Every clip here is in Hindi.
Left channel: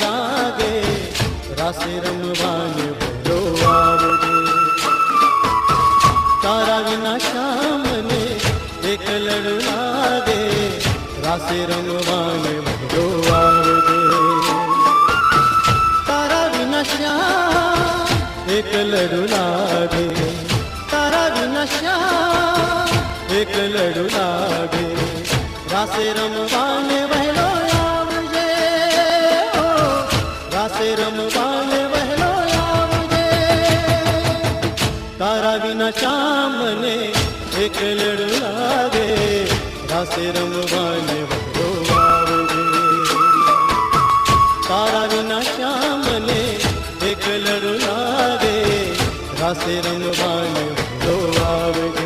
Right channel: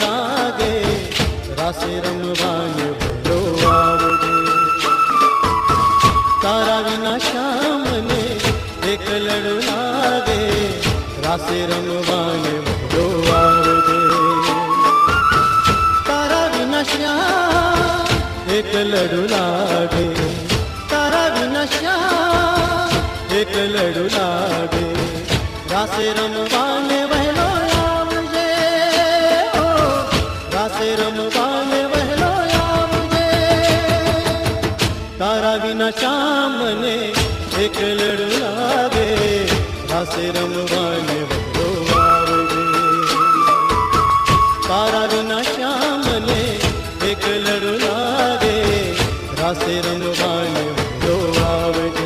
लागे रासे रमवाने आवजे तारा विना श्याम ने एक लड़ू लागे रासे रमवाने आवजे तारा विना श्याम एक लड़ू लागे तारा विना श्याम एक लड़ू लागे रासे रमवाने वहलो आवजे रासे रमवाने वहलो आवजे तारा विना श्याम ने एक लड़ू लागे रासे रमवाने वहलो आवजे तारा विना श्याम ने एक लड़ू लागे रासे रमवाने वहलो आवजे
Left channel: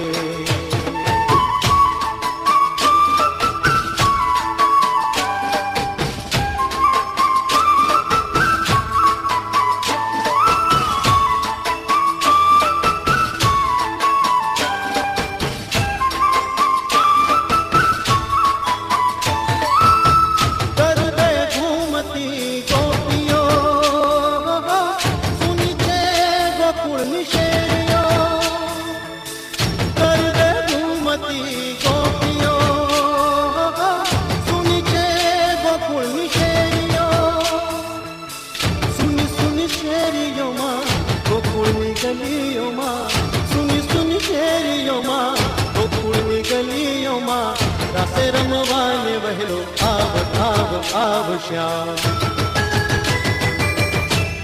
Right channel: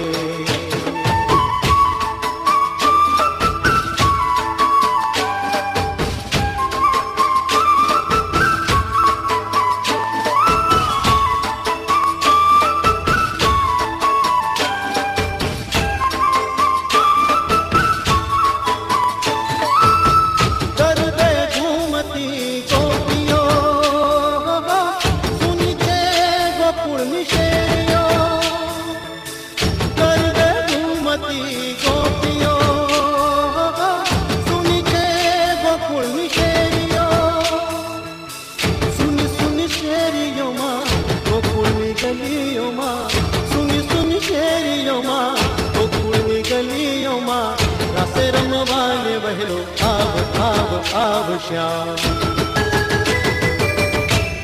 रासे रमवाने वहलो आव श्याम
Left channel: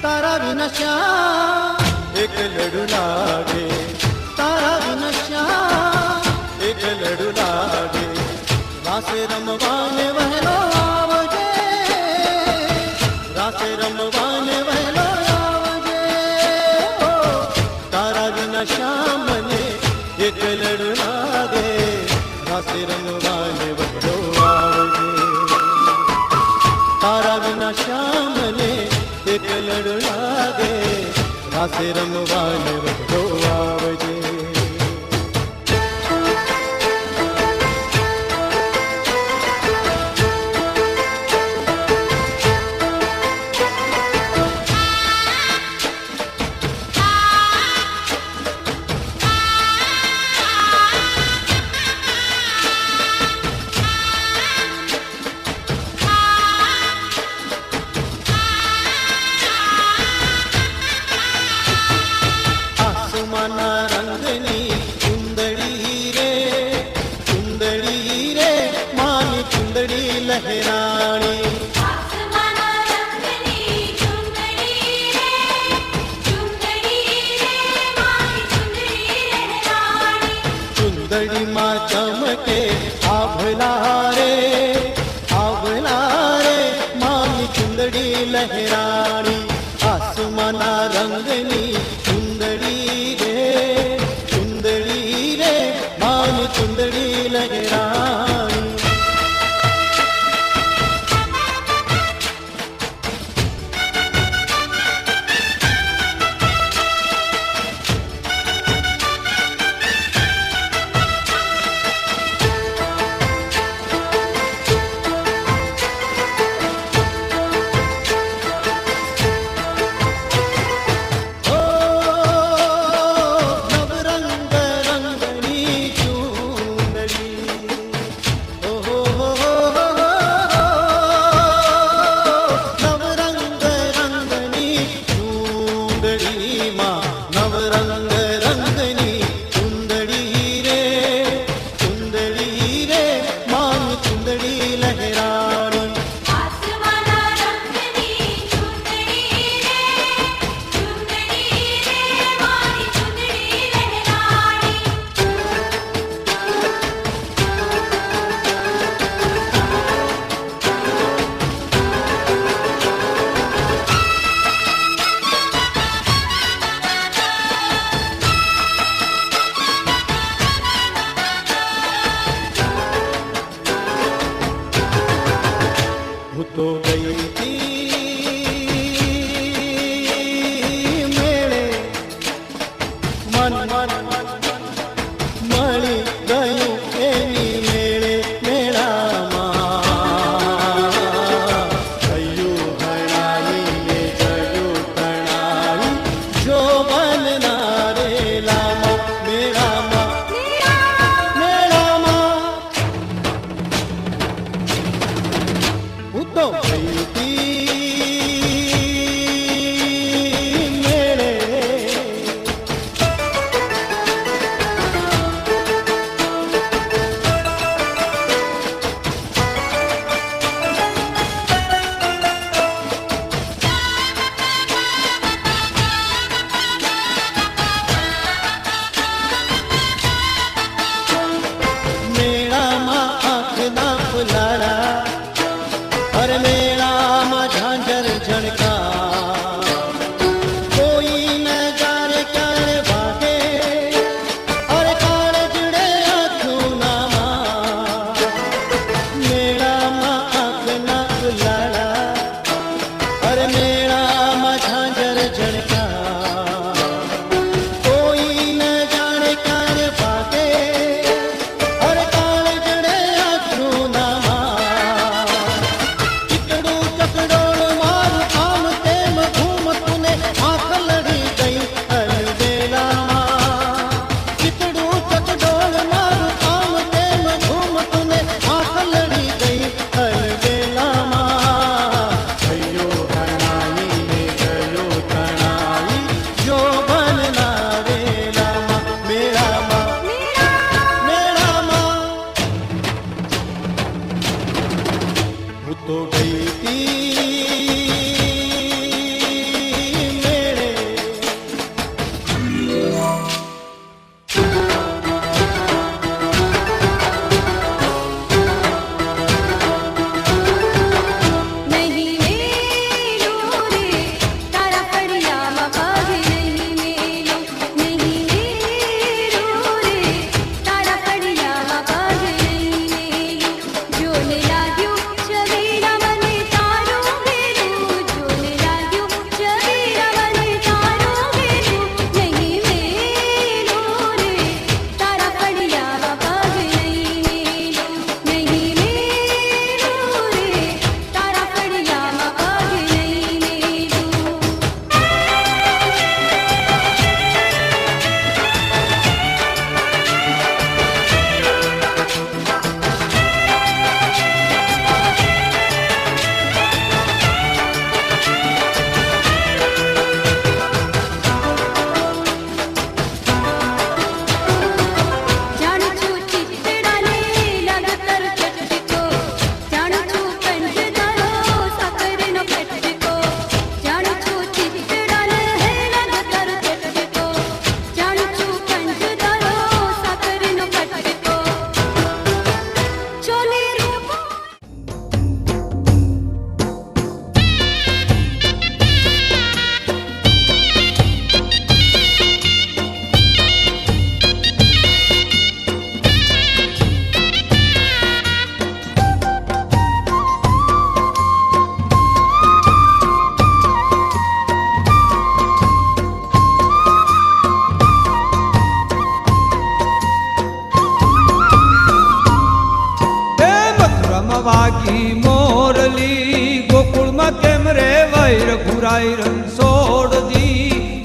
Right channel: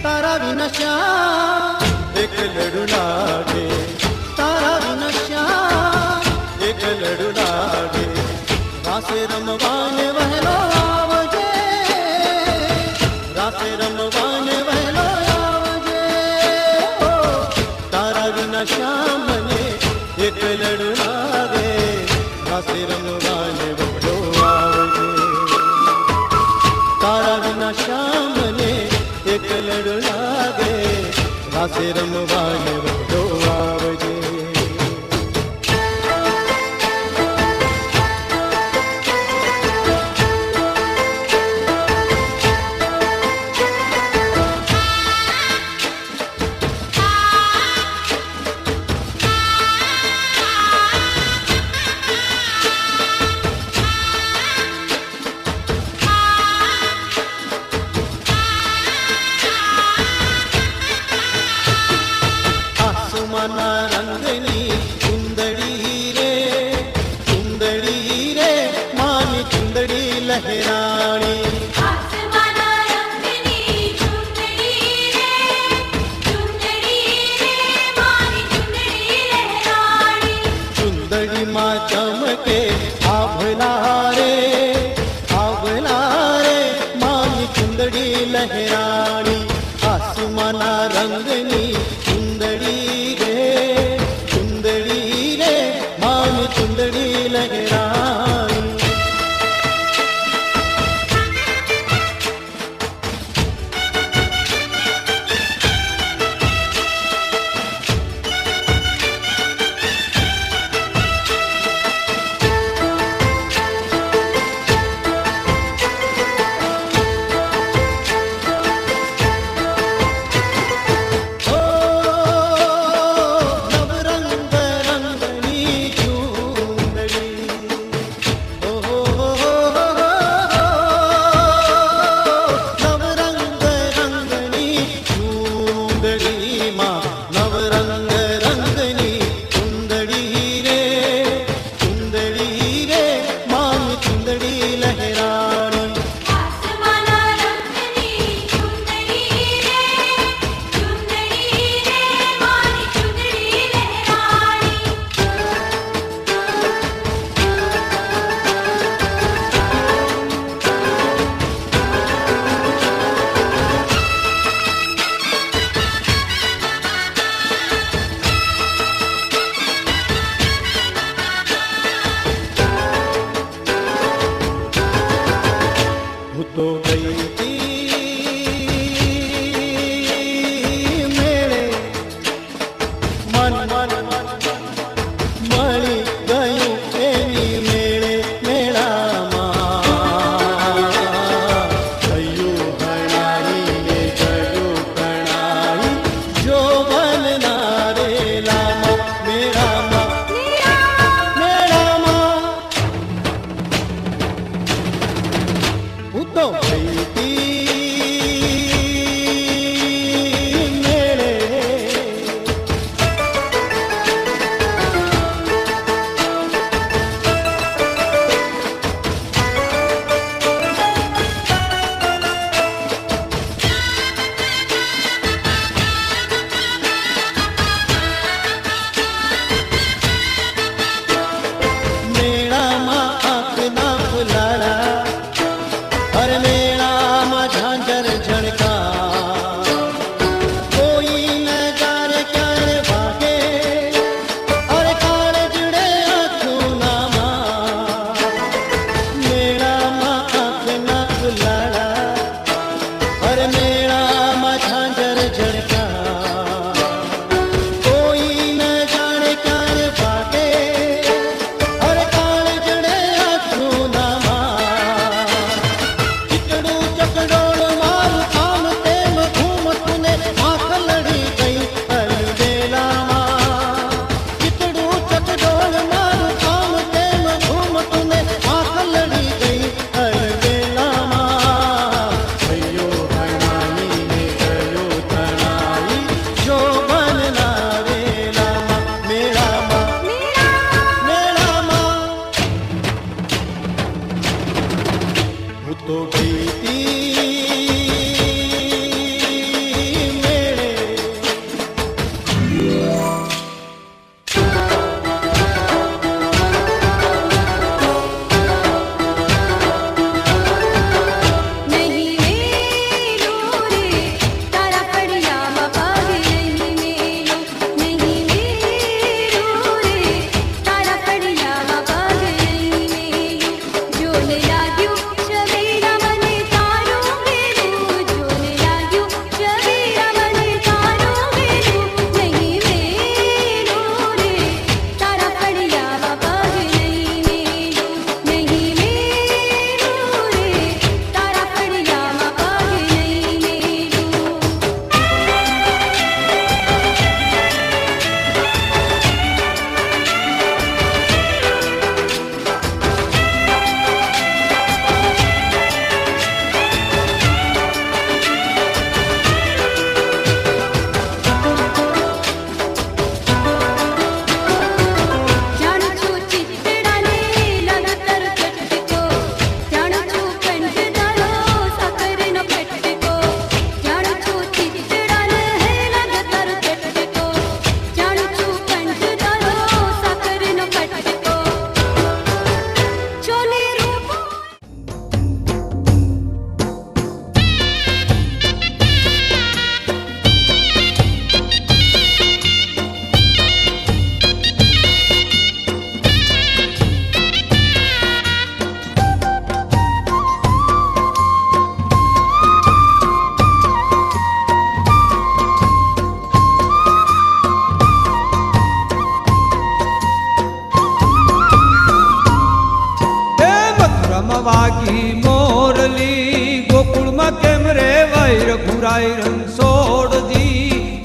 तारा विना श्याम एक लड़ू लागे तारा विना श्याम एक लड़ू लागे रासे रमवाने वहलो आवजे रासे रमवाने वहलो आवजे तारा विना श्याम ने एक लड़ू लागे रासे रमवाने वहलो आवजे तारा विना श्याम ने एक लड़ू लागे रासे रमवाने वहलो आवजे रंगनी चुंदड़ी रे मारी चुंदड़ी लहरानी चुंदड़ी माँ चमके आभला रे मारी चुंदड़ी लहरानी आसमाना रंगनी चुंदड़ी रे मान चुंदड़ी लहरानी रघुराई रणछोड़ दी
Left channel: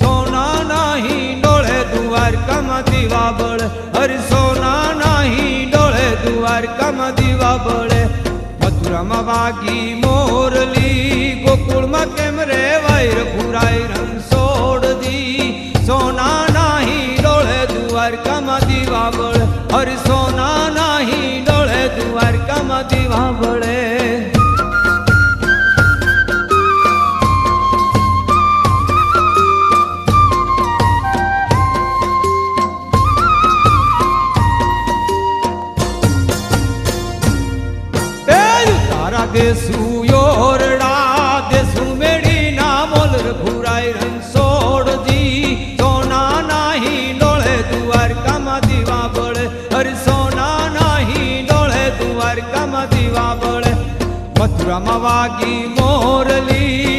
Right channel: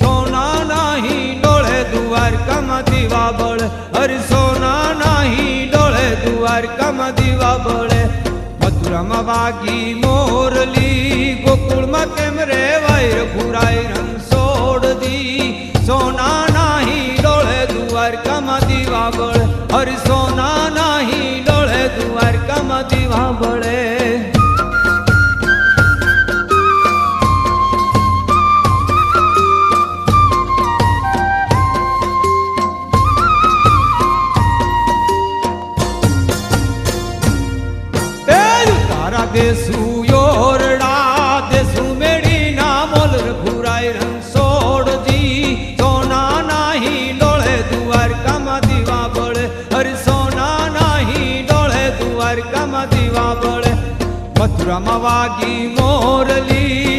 सोना नाही डोळे द्वारकाમાં દીવા બળે હરિ સોના नाही ડોळे દ્વારકામાં દીવા બળે મથુરામાં વાગી મોરલી ગોકુળમાં કેમ રેવાય રઘુરાઈ रणछोड़ दी સોના नाही ડોळे દ્વારકામાં દીવા બળે હરિ સોના नाही ડોळे દ્વારકામાં દીવા બળે देसू योरड़ा देसू मेड़ी ना मोल रघुराई रणछोड़ दी सोना नाही डोळे द्वारकाમાં દીવા બળે હરિ સોના नाही डोळे द्वारकाમાં દીવા બળે મથુરામાં વાગી મોરલી